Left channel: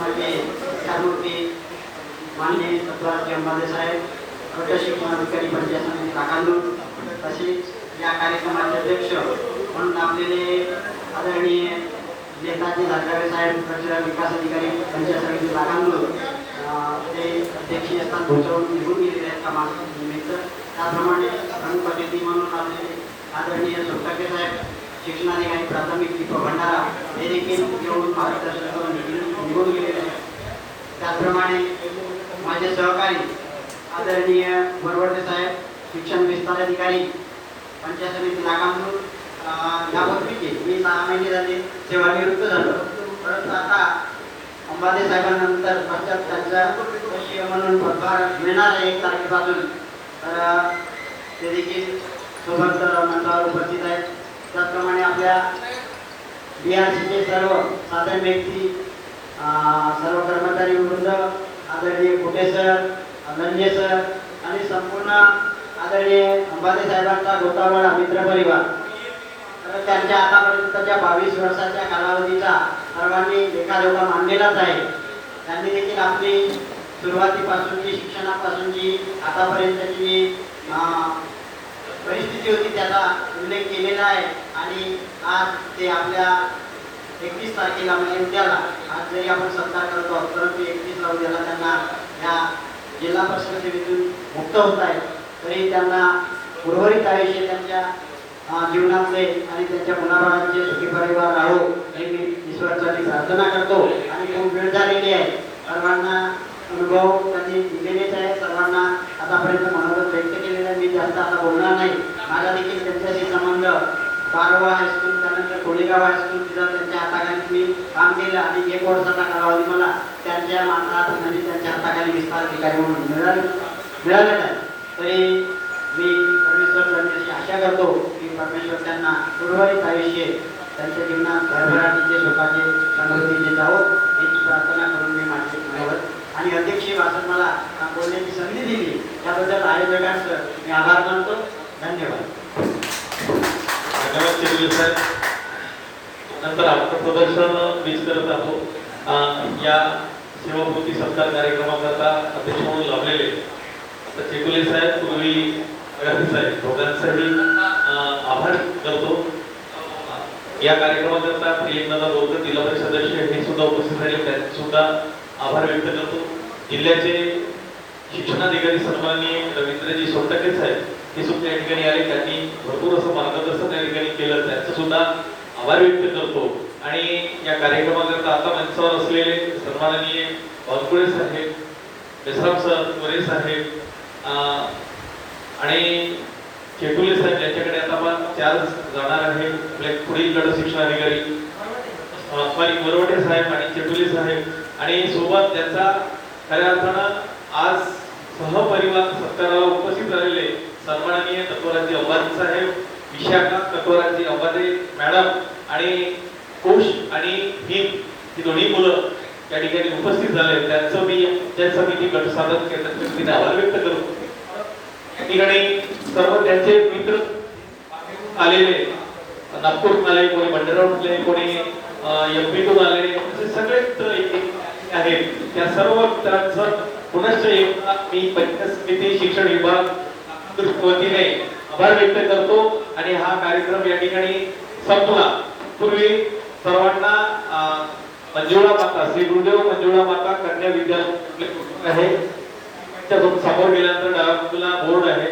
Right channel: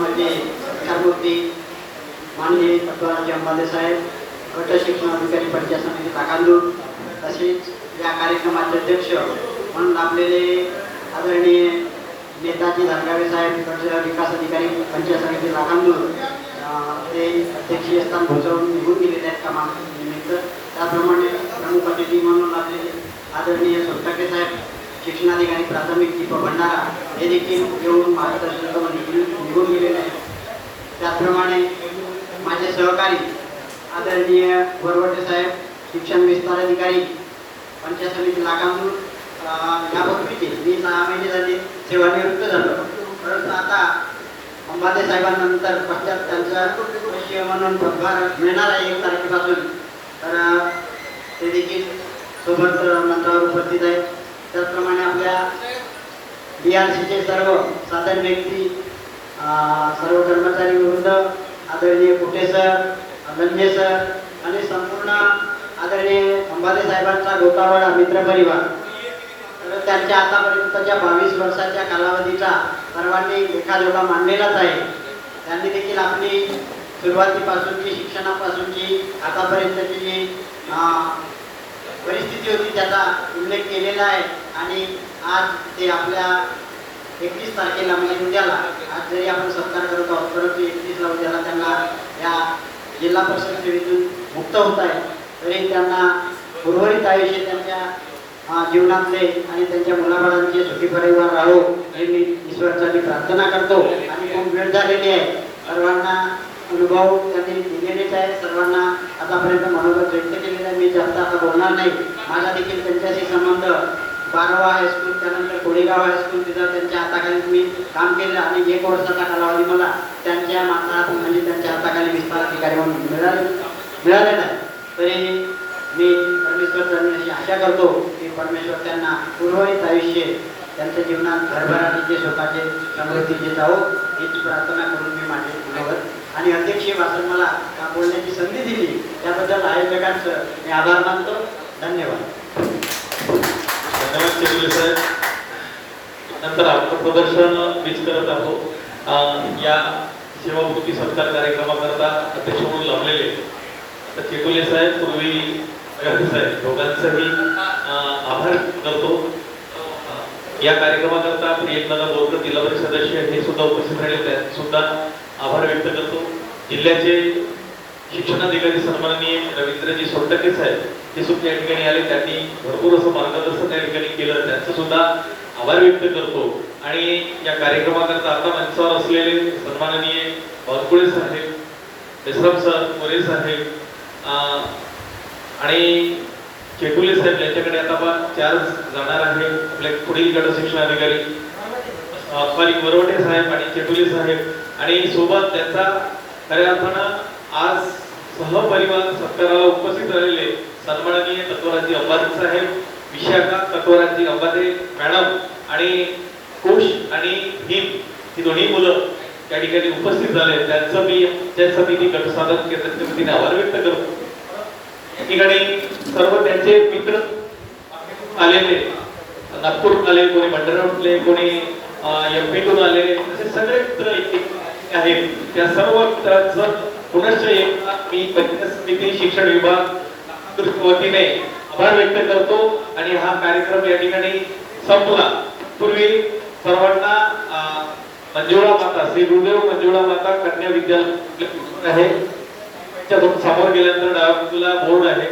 म्हणजे विचारमूर्ती माननीय तत्वाचे अंबाले साहेब गट शिक्षणाधिकारी पंचायत समिती ताकांदूर तसेच या कार्यक्रमाचे अध्यक्ष म्हणून आपलेले आदरणीय नेताजी धनगावे साहेब गट विकास अधिकारी पंचायत समिती ताकांदूर ते अध्यक्षीय स्थान भूषवून निघून गेलेले आहेत कामानिमित्त. त्याचप्रमाणे प्रमुख अतिथी म्हणून आपले आदरणीय सोसाटे साहेब शिक्षणाधिकारी प्राथमिक दीपक भंडारा हे देखील येऊन मार्गदर्शन करून निघून गेलेले आहेत. त्याचप्रमाणे माझे सहकारी आदरणीय वरवटे साहेब शिक्षण विस्तार अधिकारी पंचायत समिती लाखांदूर यापूर्वीचे मी सहा महिने झाले सेवानिवृत्त झालो. परंतु आता अंबादे साहेबांनंतर पश्चात त्यांचा पश्चिम म्हणून पदभार मिळणार आहे एक तारखेपासून. तर ते देखील सोबत अं, मंचावर उपस्थित आहेत. त्याचप्रमाणे आपल्या बी आर सीचे सर्व साधारण व्यक्ती सर्व कर्मचारी वृंद आदरणीय कुटे सर लंजे सर आणि संपूर्ण आदरणीय अंबादे साहेबांचा गोतावाडा मित्रपरिवार तर त्यांच्या आतापर्यंतच्या बावीस वर्षाच्या कालावधीचा सर्वांनी लेखाजोखा मांडलेलाच आहे. त्यांनी देखील आपली सुरुवातीपासूनची शिक्षणापासूनची आतापर्यंतची जी परिस्थिती होती त्याचा उल्लेख केलेला आहे. आणि आज ते आपल्या एकतीस तारखेला म्हणजे उद्याला आज जरी आपण सत्कार करत आहोत परंतु एकतीसला उद्याला त्यांना या जिल्हा परिषद सेवेतून मुक्त होत आहे. तरी त्यांना उर्वरित आयुष्य त्यांच्या जीवनातले आणि त्यांच्या मुलाबाळांचे सुखी परिवार राहो हे मी ईश्वरासाठी प्रार्थना करतो. आणि खूप वेळ झालेली आहे. सर्वांना अनुभव त्यांनी दिलेलेच आहे. सर्वांना आतापर्यंत मनोगत व्यक्त केलेलं आहे. मी जास्त आता बोलणार नाही. माझा देखील त्यांच्याशी संबंध बारावा हायस्कूल त्यानंतर कोळेगाव हायस्कूल तिथं त्यांच्या हाताखाली मी काम केलं. आणि एक वर्षाचा कालावधी मला त्यांच्या माता म्हणजे त्यांच्या हाताखाली विस्तार अधिकारी म्हणून मिळाले. मिळाले आहे तरी मी परमेश्वर चरणी आशा करतो की परमेश्वर त्यांना उर्वरित आयुष्य त्यांच्या जीवनात भरभराटी स्वतःचे समृद्धीचे जावो हीच प्रार्थना करून मी माझे आणि अध्यक्ष वाचून मला बोलण्याची संधी दिली. त्याबद्दल आयोजकांचं मी आभार मानतो. धन्यवाद. साहेब. नंतर आपण प्रदर्शन मीच करत आहोत. या सेवापूर्ती सत्कार कार्यक्रमाकरता अध्यक्ष म्हणून लावलेले आता चेकुले साहेब पूर्वी साहेब दोघांचाही आभार करतो. या कार्यक्रमाकरता प्रियंका बोरकर जिल्हा परिषद सदस्य हे सुद्धा उपस्थित राहिले. त्यांचे सुद्धा आभार व्यक्त करतो. जिल्ह्याचे शिक्षणाधिकारी सन्माननीय रवींद्रजी सोनटके साहेब ते सुद्धा या ठिकाणी आले. त्यांनी भरपूर असं मार्गदर्शन त्या ठिकाणी केलं. त्यांचं सुद्धा आभार व्यक्त करतो. आणि या कार्यक्रमाकरता आता मंचावर असलेले सन्माननीय वानकुळे साहेब देसराम सर मोरे साहेब आणि चेकुले साहेब यांच्याकडे आता आपण चार जाणार आहे. आपले पुढील गट शिक्षणाधिकारी सॉरी वरवटे साहेब आणि चेकुले साहेब. आणि सोबत त्यांचा खऱ्या अर्थानं आज सहपरिवार सत्काराला उपस्थित राहिलेले सन्माननीय तत्वराजी अंबाजी साहेब विशाखा तत्वराजी अंबाजी मॅडम आणि कोश आणि हिम ही दोन्ही मुलं त्या ठिकाणी उपस्थित झाले. त्यांचं मी ज्याच मी ती गट साधन केंद्राच्या वतीने आभार व्यक्त करतो. या ठिकाणी सर्व त्यांचे मित्र आलेले नागपूर आले कोणी भंडारातले कोणी एम पीतून आले असे सगळे मित्र एक- आहेत. त्या सर्व मित्रांचं पुनश्च मी पंचायत समिती शिक्षण विभाग वतीने आभार व्यक्त करतो आणि हा कार्यक्रम या ठिकाणी संपला. पूर्वी सर्वांना मंजुळा माता श्री गुरुदेव मंजुळा माता कन्या विद्या आहे. त्यातून समोर गेल्यानंतर डाव्या बाजूला बोर्ड आहे.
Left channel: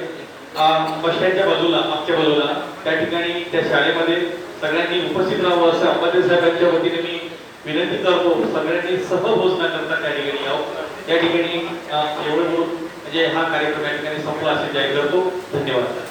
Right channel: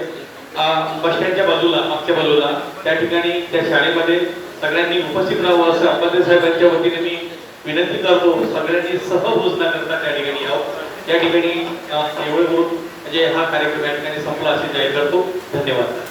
बसण्याच्या बाजूला मागच्या बाजूला. त्या ठिकाणी त्या शाळेमध्ये सगळ्यांनी उपस्थित राहावं असं अंबादे साहेबांच्या वतीने मी विनंती करतो. सगळ्यांनी सहभोजना करता त्या ठिकाणी यावं. त्या ठिकाणी एवढं बोलून म्हणजे हा कार्यक्रम या ठिकाणी संपला असे जाहीर करतो. धन्यवाद.